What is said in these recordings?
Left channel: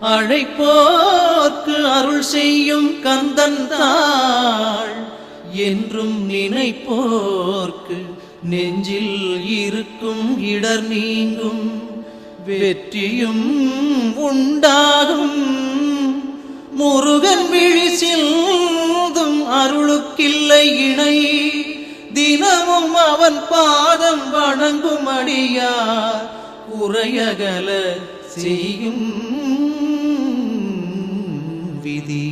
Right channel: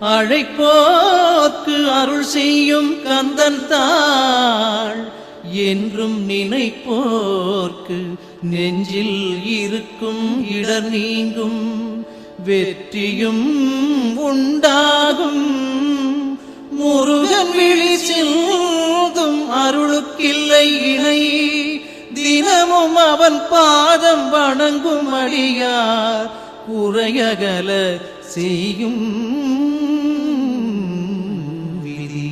அழைப்போக்கு அருள் செய்யும் கந்தந்தாள் என்றும் நினைப்போர்க்கு நெஞ்சில் இருக்கும் இடர் நீங்கும். வெற்றியும் உண்டாகும். முருகன் அருளுக்கில்லை இணை. தினமும் அவன் பாதம் வணங்கும் அடியார். குறையகல செய்யும் விதி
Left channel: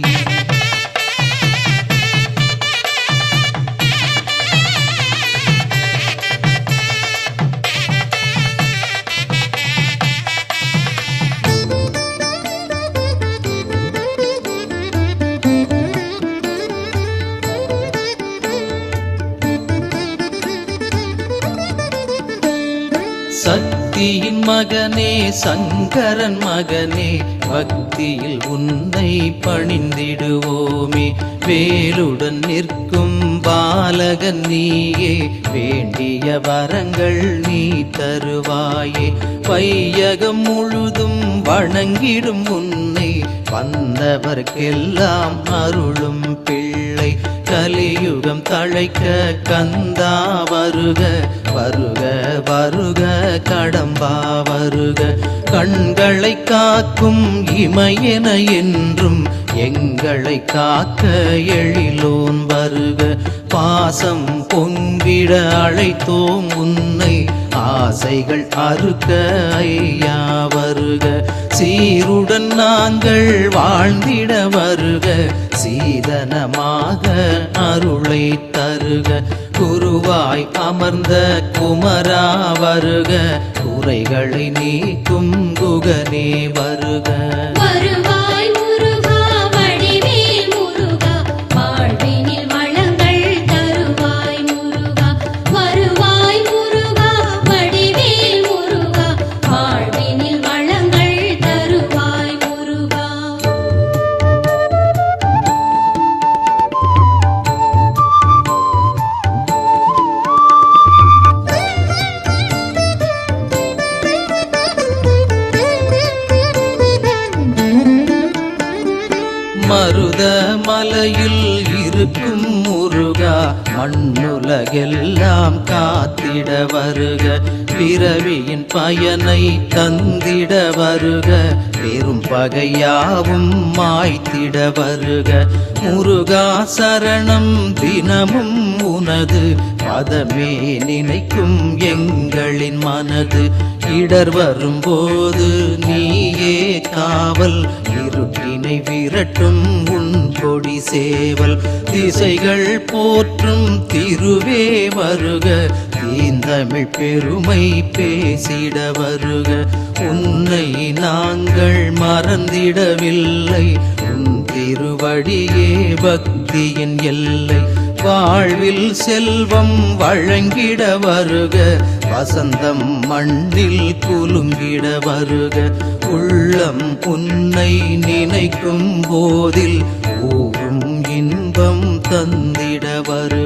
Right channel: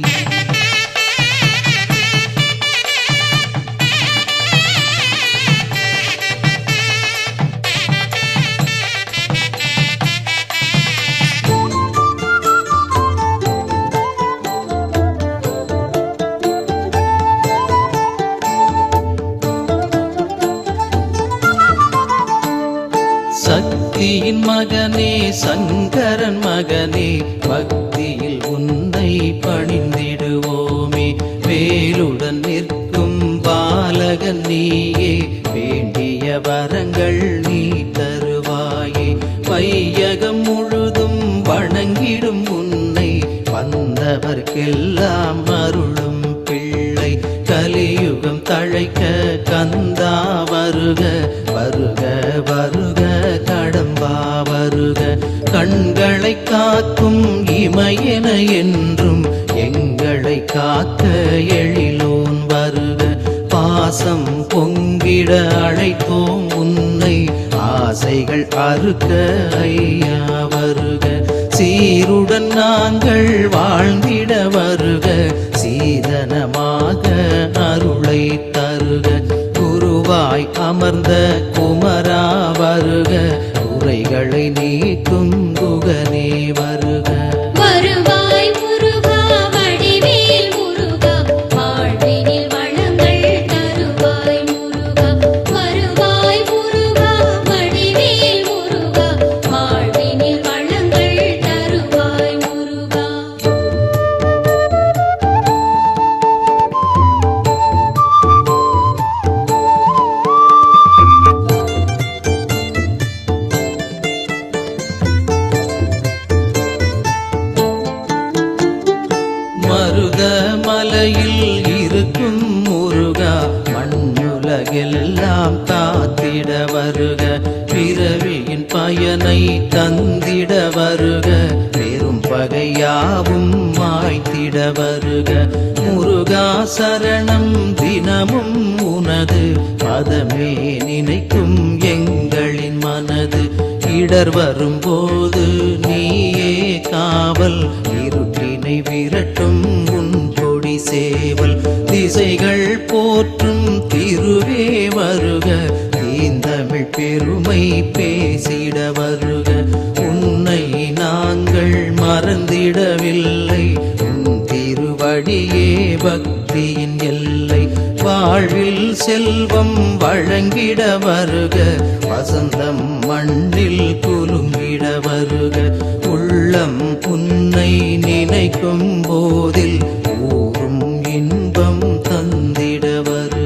சக்தியின் மகனே சங்கரன் மகனே பக்தியில் உன்னை பணிந்திடுவோமே. வேலுடன் நிற்கும் பாலகன் நீயே வேண்டிய வரங்கள் நீ தருவாயே. வையகம் முழுதும் வணங்கிடும் உன்னை வந்தவர்க்கெல்லாம் அருளும் அழைக்க கந்தா வருக வருக வருக கடம்பா வருக. கண்களை காக்கும் இமையன என்றும் எங்களை காக்க எழிலோன் வருக. பாசம் பொங்கிட அழைத்தோம் உன்னை ஆசைகள் அறுக்க ஐயா வருக. சீருடன் நாங்கள் வாழ்ந்திட வருக. சீதனமாக அருளை தருக. குருவாய் அமர்ந்த குமரா வருக. குறைகளை நீக்கும் குகனே வருக. தந்திட வருக பிறவியின் பயனை தந்திட வருக பெரும் பகையாவும் மாய்த்திட வருக. முருகா சரணம் தினமும் உனது பதமே நினைக்கும் எங்களின் மனது. இடர் வரும்போது நீயே காவல் இருட்டினை விரட்டும் உன் கொடி சேவல். திசைகள் போற்ற போற்றும் திருவே வருக. தீந்தமிழ் பெருமை பேசிட வருக. உன்னை நாங்கள் மறந்திடவில்லை. உன் திருவடியே பக்தியின் எல்லை. வாழ்வில் செல்வம் வழங்கிட வருக. வசந்தம் மண்ணில் குலுங்கிட வருக. உள்ளம் உன்னை நினைக்கும் போதில் ஊரும் இன்பம் தந்தி வருக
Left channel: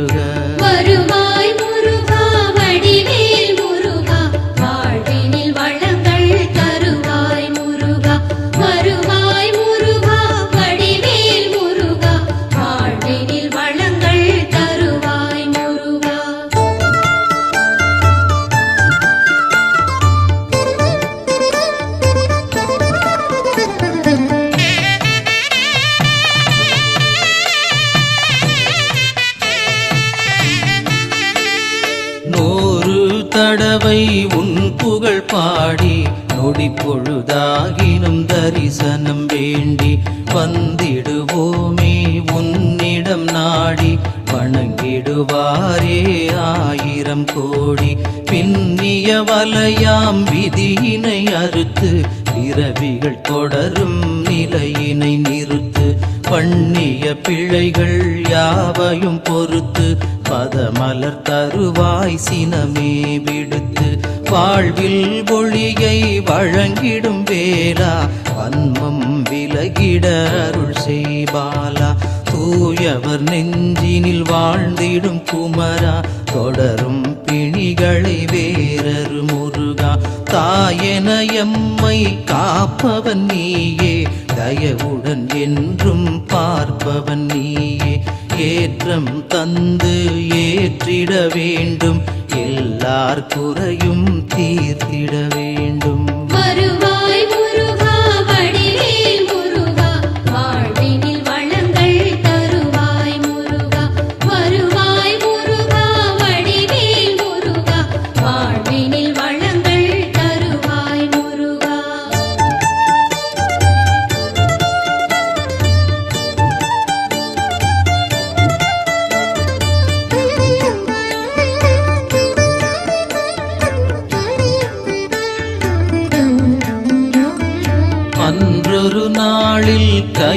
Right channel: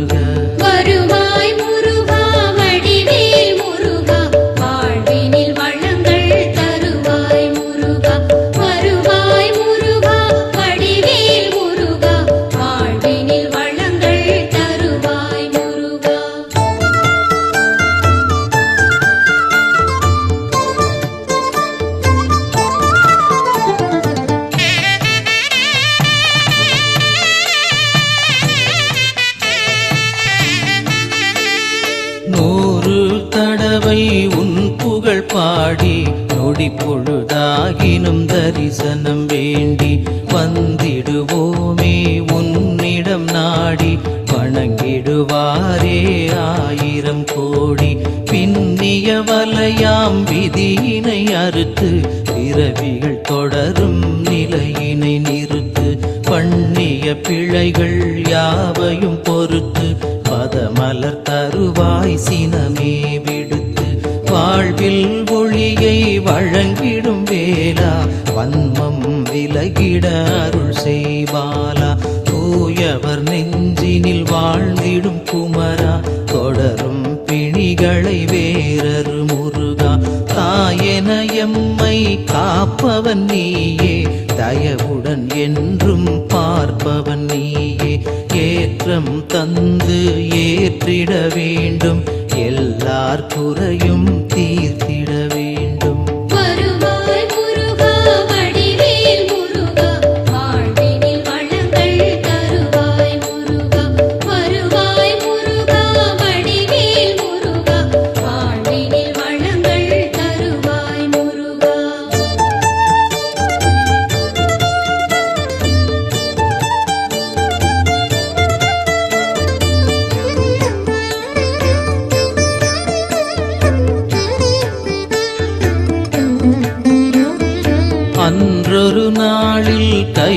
தடவை உன் புகழ் பாடி நொடி பொழுதாகினும் தரிசனம் வேண்டி வந்திடுவோமே உன்னிடம் நாடி வணங்கிடுவாரே ஆயிரம் கோடி. பின்னிய வலையாம் விதியினை அறுத்து பிறவிகள் தொடரும் நிலையினை நிறுத்து. பண்ணிய பிழைகள் யாவையும் பொறுத்து பாத மலர் தருவாய் சினமே விடுத்து வாழ்வில் ஒளியை வழங்கிடும் வேலா வன்மம் விலகிட அருள் செய்வாலா தூயவர் நெஞ்சினில் வாழ்ந்திடும் குமரா தொடரும் பிணிகளை வேறரு முருகா. தாயென எம்மை காப்பவன் நீயே தயவுடன் என்றும் பார்ப்பவன் நீயே. ஏற்றம் தந்து ஏற்றிட வேண்டும். எல்லார் குறையும் தீர்த்திட வேண்டும்.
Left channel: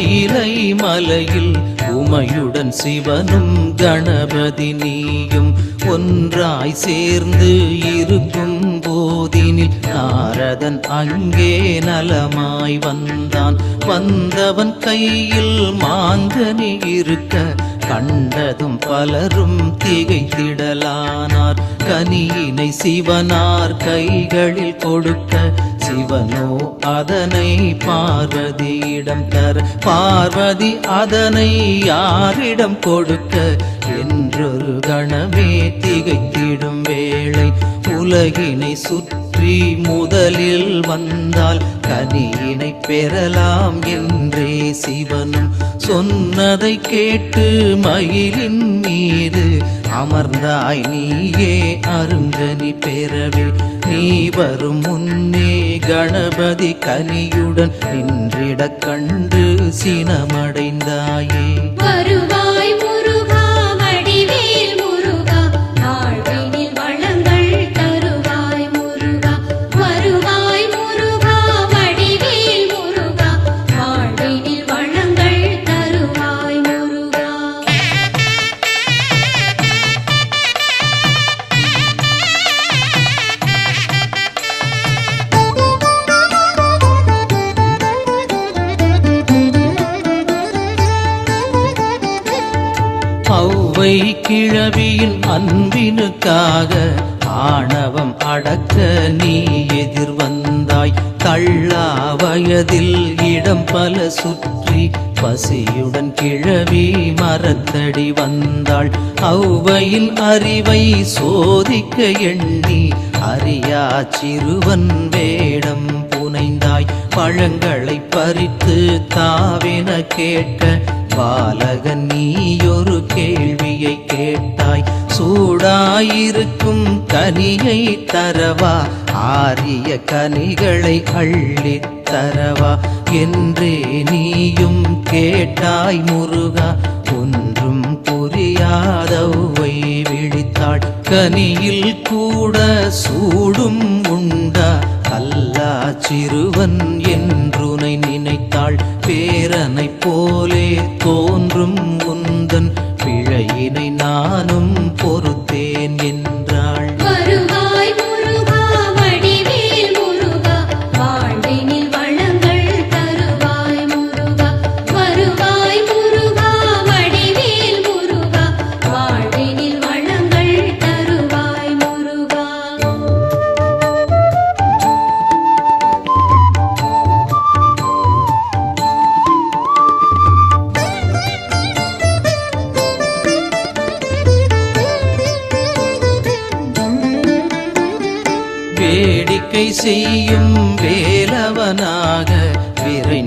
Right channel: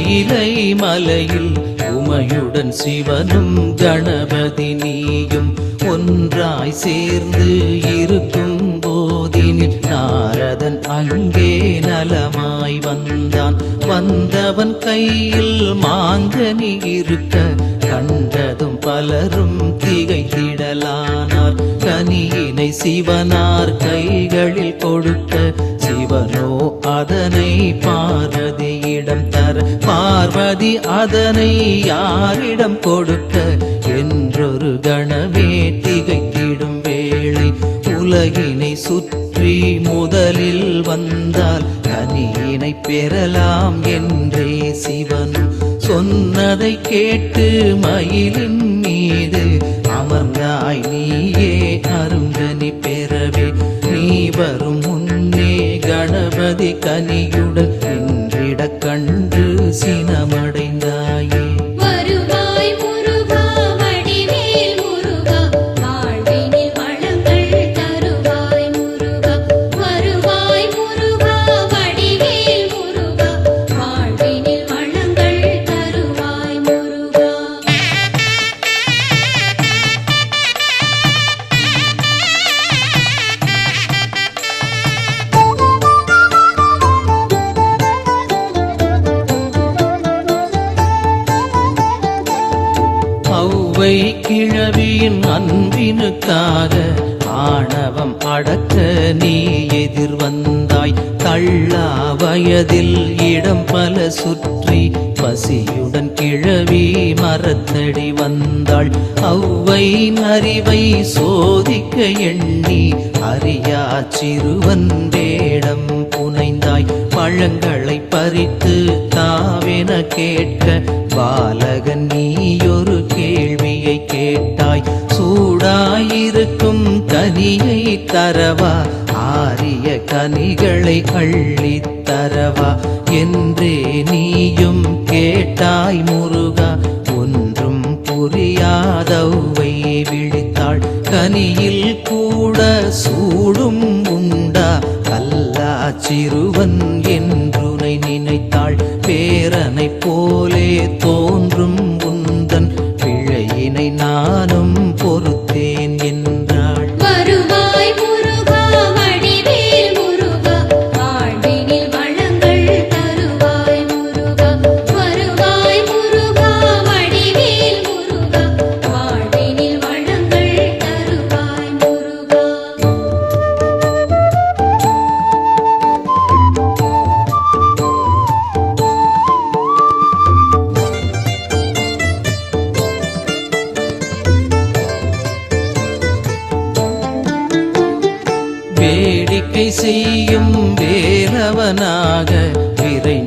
நாளில் மலையில் உமையுடன் சிவனும் கணபதி நீயும் ஒன்றாய் சேர்ந்து இருக்கும் போதினில் நாரதன் அங்கே நலமாய் வந்தான். வந்தவன் கையில் மாங்கனி இருக்க கண்டதும் பலரும் திகைத்திடலானார். கனியினை சிவனார் கைகளில் கொடுக்க சிவனோ அதனை பார்வதியிடம் தர. பார்வதி அதனை யாரிடம் கொடுக்க? என்றொரு கணமே திகைத்திடும் வேளை. உலகினை சுற்றி முதலில் வந்தால் கனியினை பெறலாம் என்றே சிவனும் சொன்னதை கேட்டு மயிலின் மீது. அமர்ந்தாய் நீயே அருங்கனி பெறவே. நீ வரும் முன்னே கணபதி கலியுடன் நின்றிட கண்டு சினமடைந்தாயே. பசியுடன் கிழவி மரத்தடி வந்தாள். அவ்வையில் அறிவை சோதிக்க எண்ணி அறியா சிறுவன் வேடம் புனைந்தாய். பழங்களை பறித்து தாவென கேட்க பாலகன் நீயொரு கேள்வியை கேட்டாய். சூடாயிருக்கும் கனியை தரவா? ஆரிய கனிகளை அள்ளித் தரவா? என்றே நீயும் கேட்டாய் முருகா ஒன்றும் புரியாதவை விழித்தாள். கனியில் கூட சூடும் உண்டா அல்லா சிறுவன் என்றுனை நினைத்தாள். பேரனை போலே தோன்றும்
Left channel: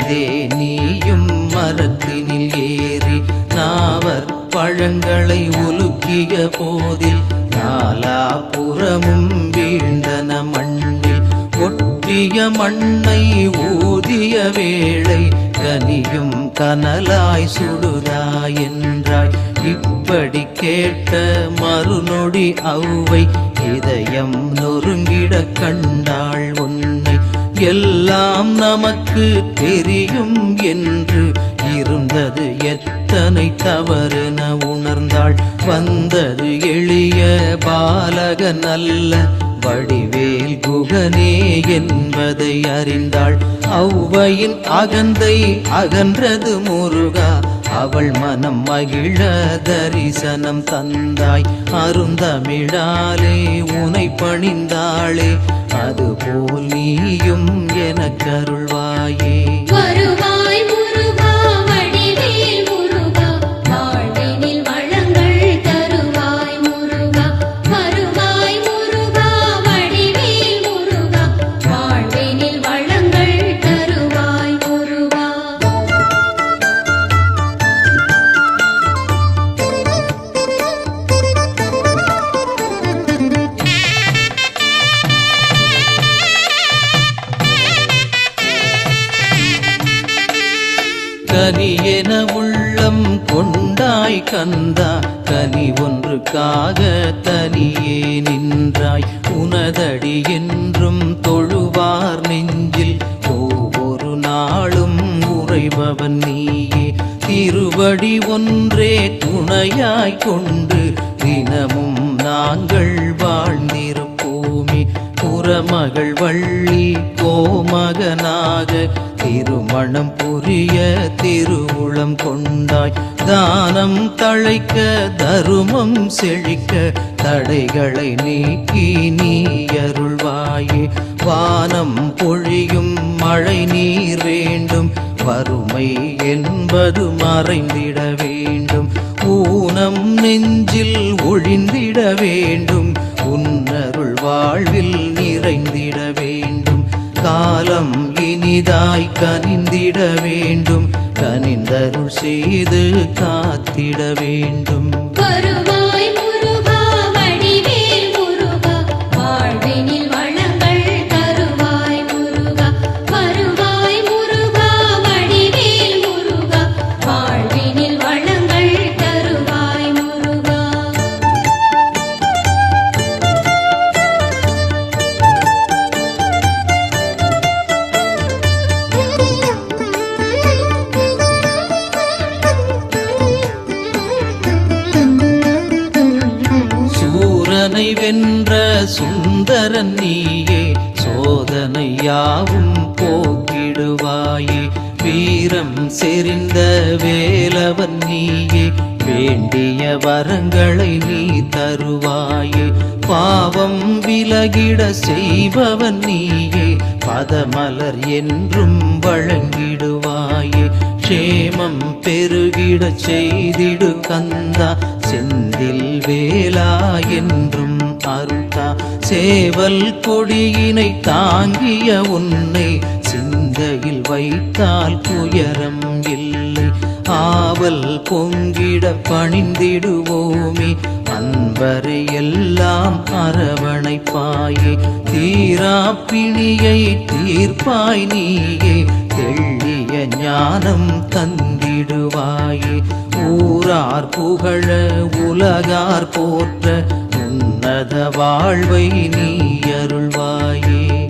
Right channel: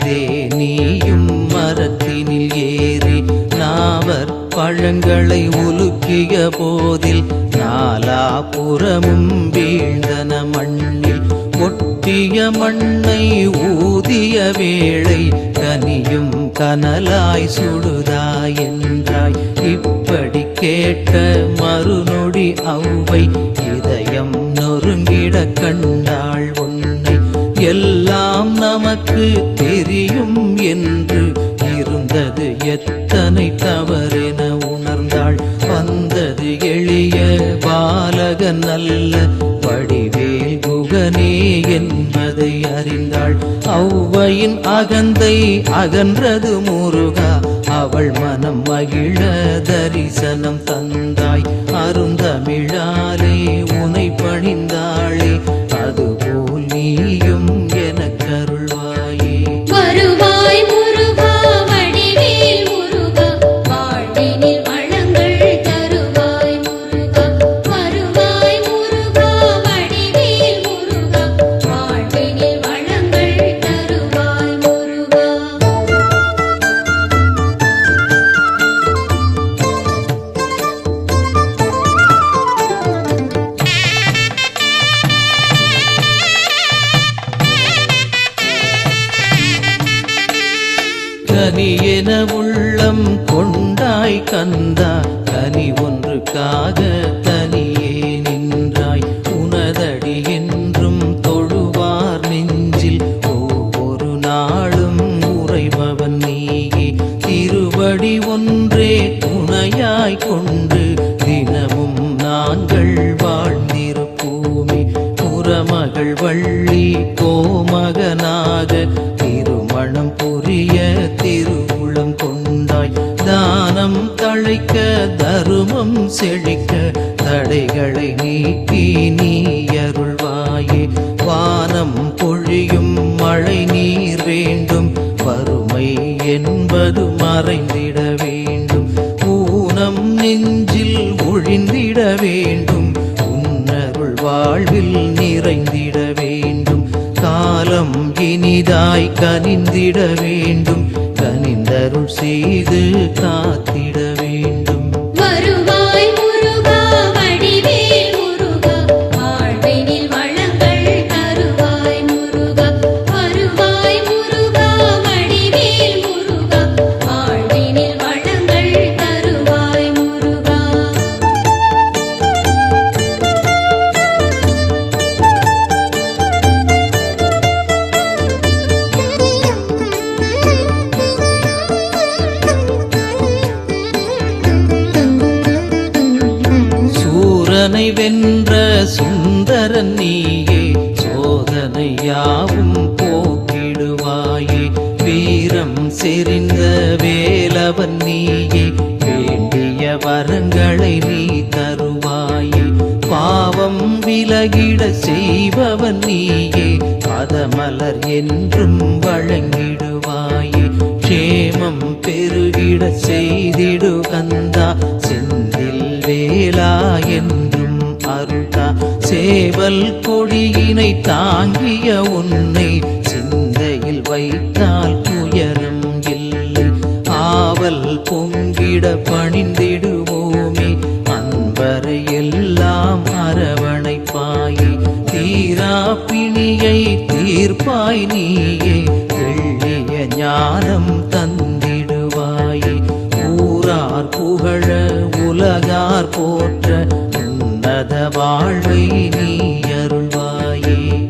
விரைந்தே நீயும் மரத்தினில் ஏறி நாவர் பழங்களை உலுக்கிய போதில் நாலாபுறமும் வீழ்ந்தன மண்ணில் ஒட்டிய மண்ணை ஊதிய வேளை கனியும் கனலாய் சுடுதாய் என்றாய். இப்படி கேட்ட மறுநொடி அவ்வை இதயம் நொறுங்கிட கண்டாள் உன்னை எல்லாம் நமக்கு தெரியும் என்று இருந்தது எத்தனை தவறென உணர்ந்தாள். வந்தது எளிய பாலகன் அல்ல வடிவேல் குகனே என்பதை அறிந்தாள். ஔவையின் அகந்தை அகன்றது முருகா அவள் மனம் மகிழ தரிசனம் தந்தாய். அருந்தமிழாலே உனை பணிந்தாளே அதுபோல் நீயும் எனக்கருள்வாயே. வருவாய் கனி என உள்ளம் கொண்டாய் கந்தா. கனி ஒன்றுக்காக தனியே நின்றாய். உனதடி என்றும் தொழுவார் நெஞ்சில். ஒவ்வொரு நாளும் உறைபவன் நீயே. திருவடி ஒன்றே துணையாய் கொண்டு தினமும் நாங்கள் வாழ்ந்திருப்போமே. புறமகள் வள்ளி கோமகனாக திருமணம் புரிய திருவுளம் கொண்டாய் தானம் தழைக்க தருமம் செழிக்க தடைகளை நீக்கி நீ அருள்வாயே. வானம் பொழியும் மழை நீர் வேண்டும் வறுமை என்பது மறைந்திட வேண்டும். ஊனம் நெஞ்சில் ஒழிந்திட வேண்டும் உன்னருள் வாழ்வில் நீ காலம் இனிதாய் கனிந்திட வேண்டும் கனிந்தருள் செய்து காத்திட வேண்டும். விலகிட செய்பவன் நீயே. பதமலர் என்றும் வழங்கிடுவாயே. க்ஷேமம் பெருகிட செய்திடு கந்தா. செந்தில் வேலா என்றும் அருந்தா சேவல் கொடியினை தாங்கிய உன்னை சிந்தையில் வைத்தால் துயரம் இல்லை. ஆவல் பொங்கிட பணிந்திடுவோமே. வரை எல்லாம் அரவணைப்பாயே தீரா பிணியை தீர்ப்பாய் நீயே தெள்ளிய ஞானம் தந்திடுவாயே. ஊரார் புகழ உலகார் போற்ற உன்னத வாழ்வை நீ அருள்வாயே.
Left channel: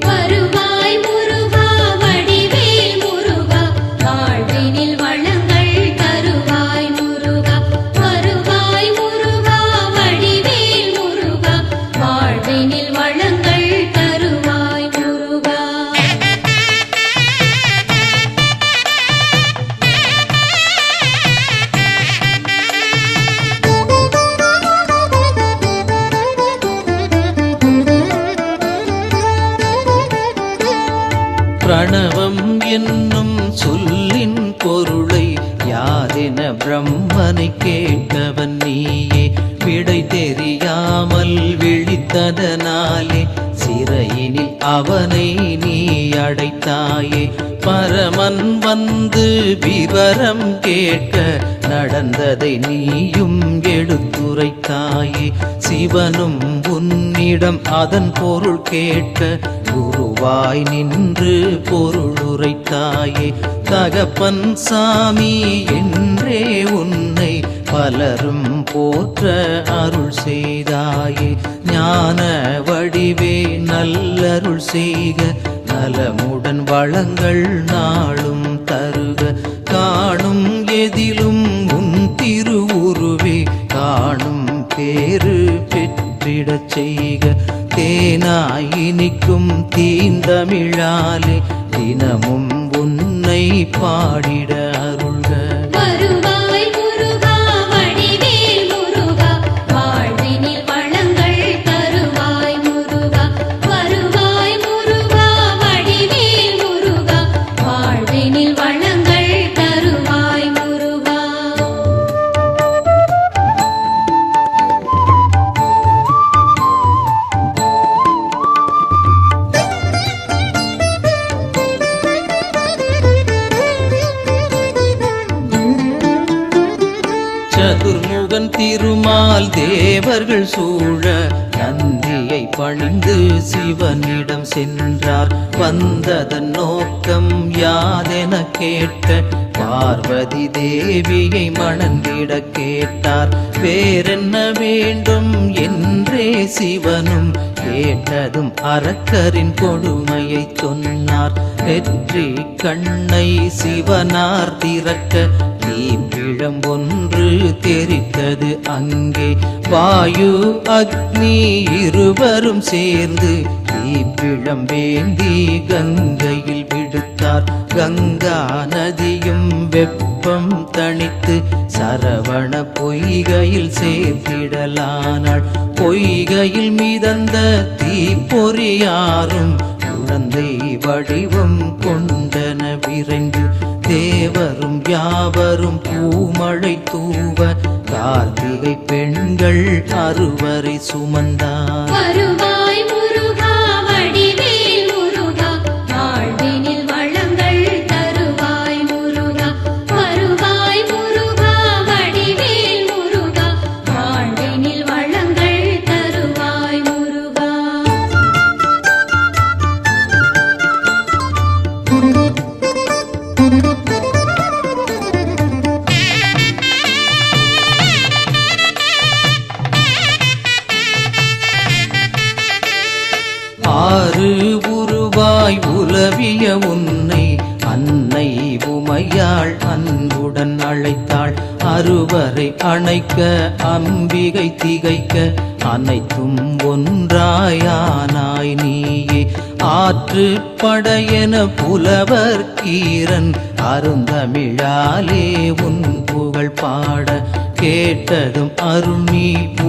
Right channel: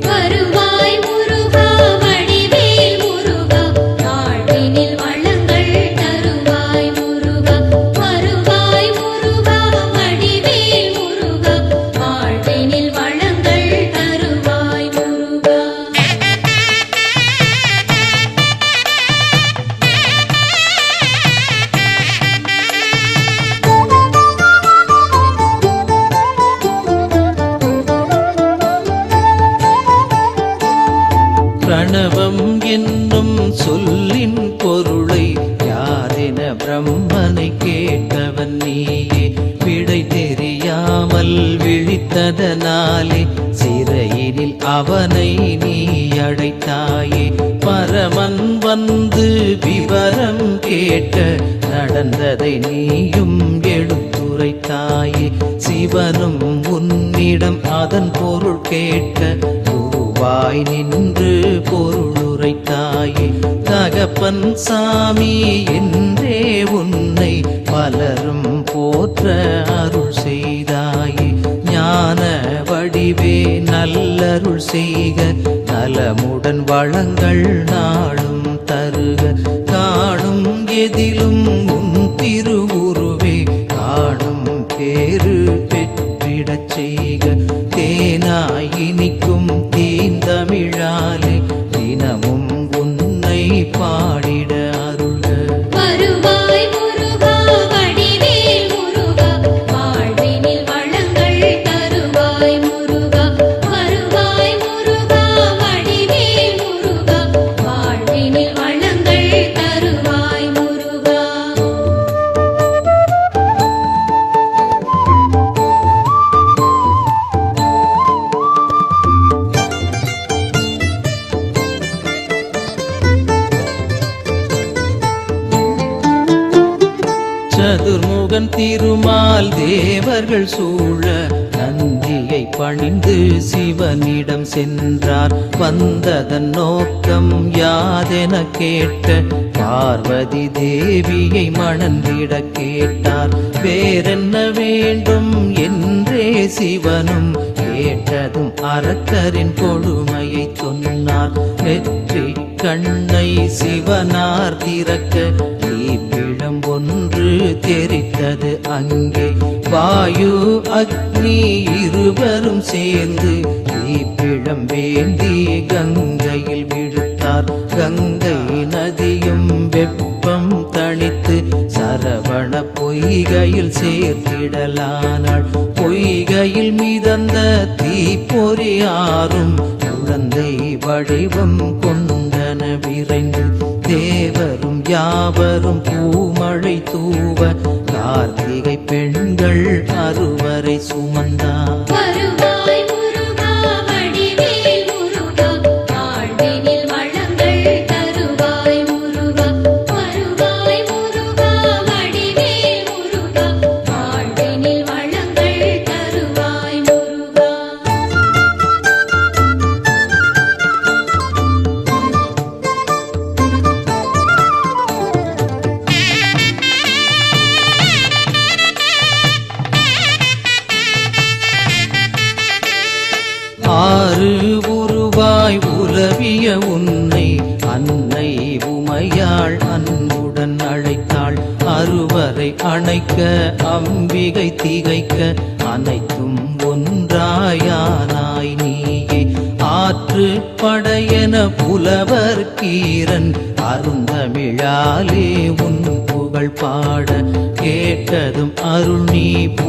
விழித்ததனாலே சிறையினில் அவனை நீ அடைத்தாயே. பரமன் வந்து விவரம் கேட்க நடந்ததை நீயும் எடுத்துரைத்தாயே. சிவனும் உன்னிடம் அதன் பொருள் கேட்க குருவாய் நின்று பொருளுரைத்தாயே. தகப்பன் சாமி என்றே உன்னை பலரும் போற்ற அருள் செய்தாயே. ஞான வடிவே நல்லருள் செய்க. நலமுடன் வளங்கள் நாளும் தருக. காணும் எதிலும் உன் திருவுருவே. காணும் பேரு பெற்றிடச் செய்க. தேனாயினிக்கும் தீந்தமிழாலே. தினமும் உன்னை பாடிட அருள்க. வருவாய் திருமால் தேவர்கள் சூழ நந்தியை பணிந்து சிவனிடம் சென்றார். வந்ததன் நோக்கம் யாதென கேட்ட பார்வதி தேவியை மணந்திட கேட்டார். வேறென்ன வேண்டும்? என்றே சிவனும் கேட்டதும் அரக்கரின் கொடுமையை சொன்னார். வெற்றி கண்ணை சிவனார் திறக்க நீ பிழம் ஒன்று தெரித்தது அங்கே. வாயு அக்னி இருவரும் சேர்ந்து தீப்பிழம் வேந்தி கங்கையில் விடுத்தார். கங்கா நதியும் வெப்பம் தணித்து சரவண பொய்கையில் சேர்த்திடலானாள். பொய்கையில் மிதந்த தீப்பொறியாரும் குழந்தை வடிவம் கொண்டன விரைந்து தேவரும் யாவரும் பூமழை தூவ கார்த்திகை பெண்கள் அறுவரை சுமந்தார்.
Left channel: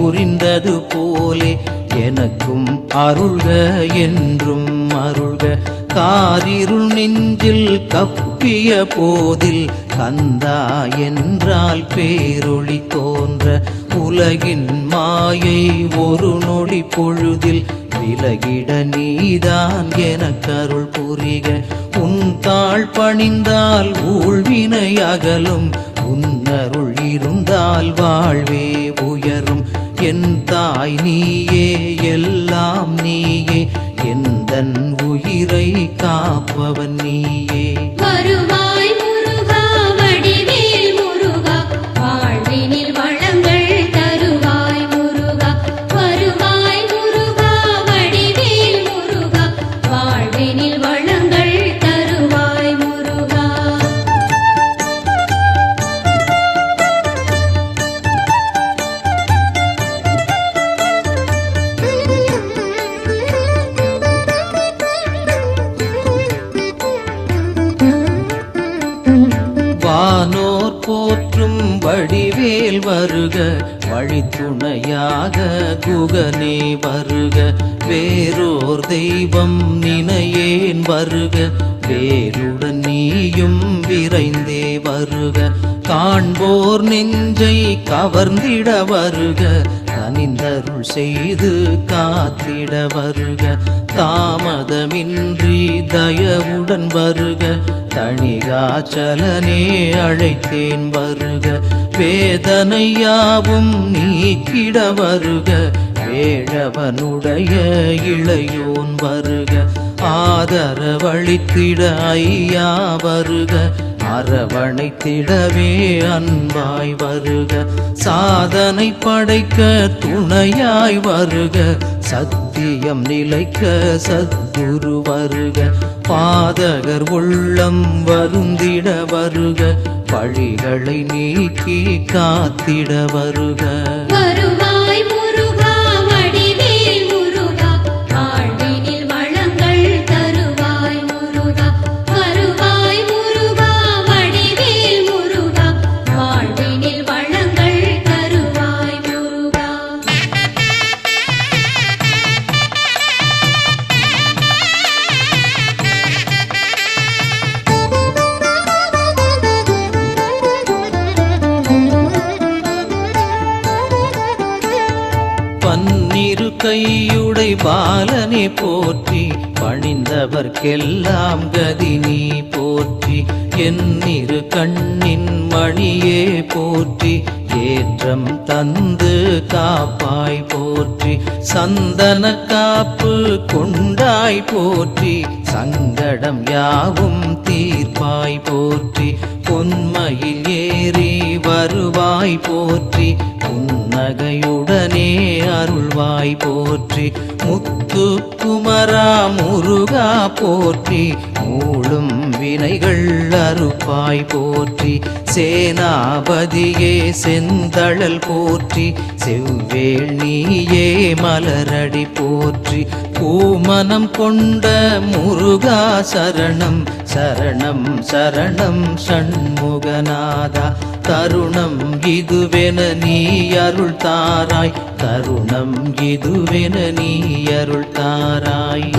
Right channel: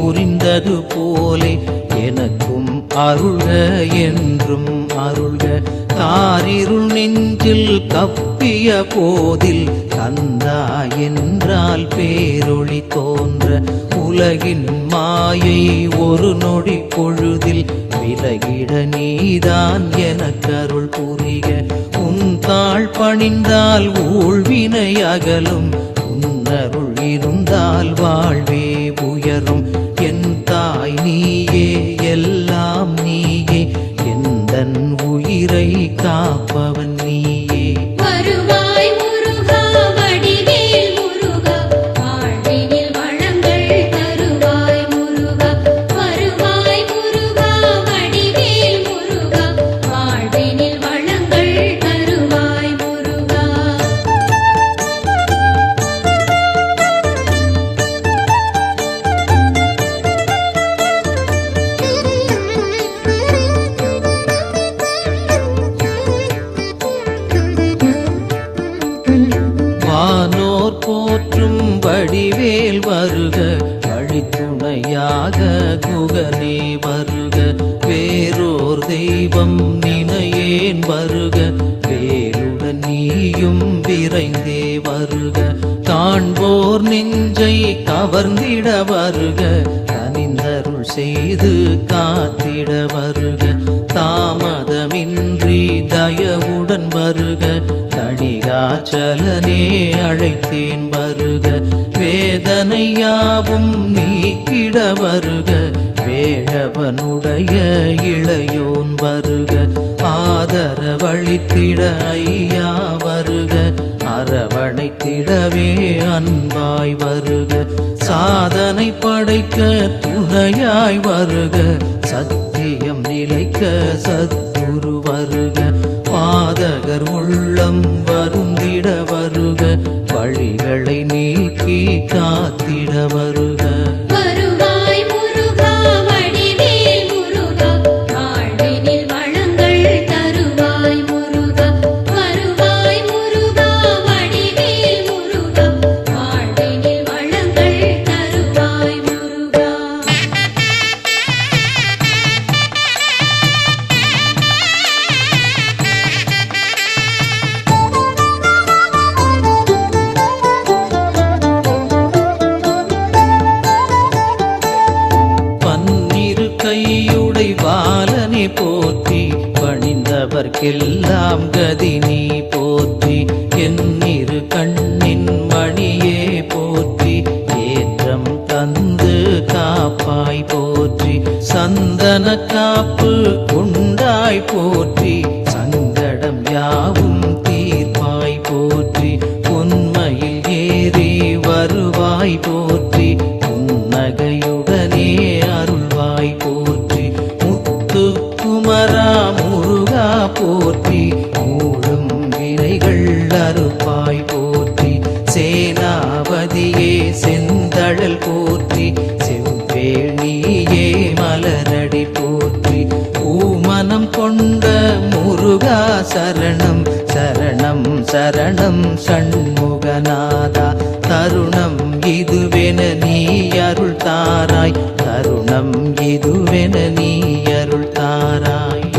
புரிந்தது போலே எனக்கும் அருள்க என்றும் அருள்க. காரிருள் நெஞ்சில் கப்பிய போதில் கந்தா என்றால் பேரொளி தோன்ற. உலகின் மாயை ஒரு நொடி பொழுதில் விலகிட நீதான் எனக்கருள் புரிக. உன் தாழ் பணிந்தால் ஊழ்வினை அகலும். உன்னருள் இருந்தால் வாழ்வே உயரும். என் தாய் நீயே எல்லாம் நீயே. எந்தன் உயிரை காப்பவன் நீயே. காண்போர் நெஞ்சை கவர்ந்திட வருக கனிந்தருள் செய்து காத்திட வருக. தாமதமின்றி தயவுடன் வருக தணிகாச்சலனே அழைத்தேன் வருக. வேதனையாவும் நீக்கிட வருக வேழவனுடைய இளையோன் வருக. ஆதரவழித்திட ஐயா வருக அரவணைத்திடவே அன்பாய் வருக. சாதனை படைக்க துணையாய் வருக. சத்தியம் நிலைக்க சத்துரு வருக. பாதகர் உள்ளம் வருந்திட வருக. வழிகளை நீக்கி காத்திட வருக. எல்லாம் கதி நீ போற்றி என்னிரு கண்ணின் மணியே போற்றி ஏற்றம் தந்து காப்பாய் போற்றி சந்தன காப்பு கொண்டாய் போற்றி சங்கடம் யாவும் தீர்ப்பாய் போற்றி உண்மையில் ஏறி வருவாய் போற்றி புன்னகையுடனே அருள்வாய் போற்றி குமரா முருகா போற்றி மூடும் வினைகள் அறுப்பாய் போற்றி. சேனாபதியே செந்தழல் போற்றி செவ்வேள் நீயே மலரடி போற்றி. பூமனம் கொண்ட முருகா சரணம் சரணம் சரணம் சண்முகநாதா. தருணம் இதுவென நீ அருள் தாராய் தருணம் இதுவென நீ அருள் நாராயண.